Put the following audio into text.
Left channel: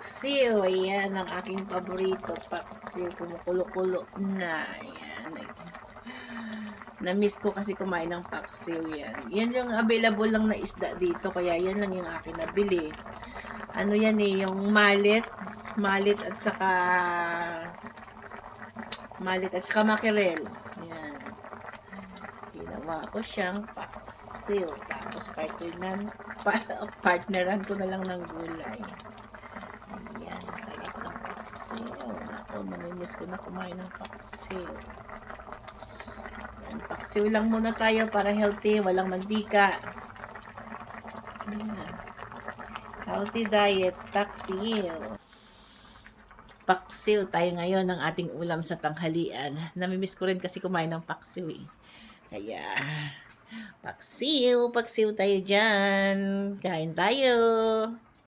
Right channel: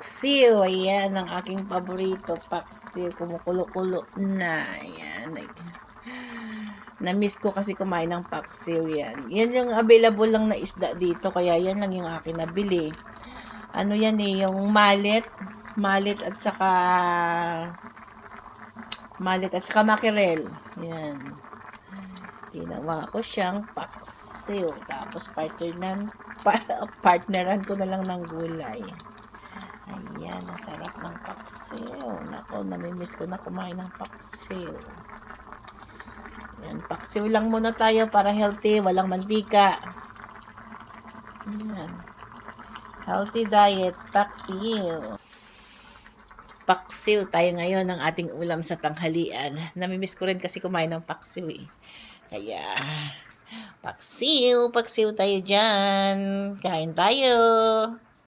Paksiw, ayan ang aking paborito, paksiw, kumukulo-kulo na, ayan. Na-miss ko kasi kumain ng paksiw yan. Yan yung available lang na isda dito, kaya yan lang yung akin nabili. Ano yan eh, yung malit at saka mackerel. Yan. Ginawa ko siyang paksiw. Tapos partneran ko na lang ng gulay. Ayan, ang sarap ng paksiw. Nako, namimiss ko na kumain ng paksiw. Ayan, paksiw lang muna tayo para healthy, walang mantika. Ayan. Healthy diet, paksiw. Paksiw tayo ngayon ng ating ulam sa tanghalian. Namimiss ko rin kasi kumain ng paksiw eh. Kaya, paksiw tayo dyan. Kain tayo.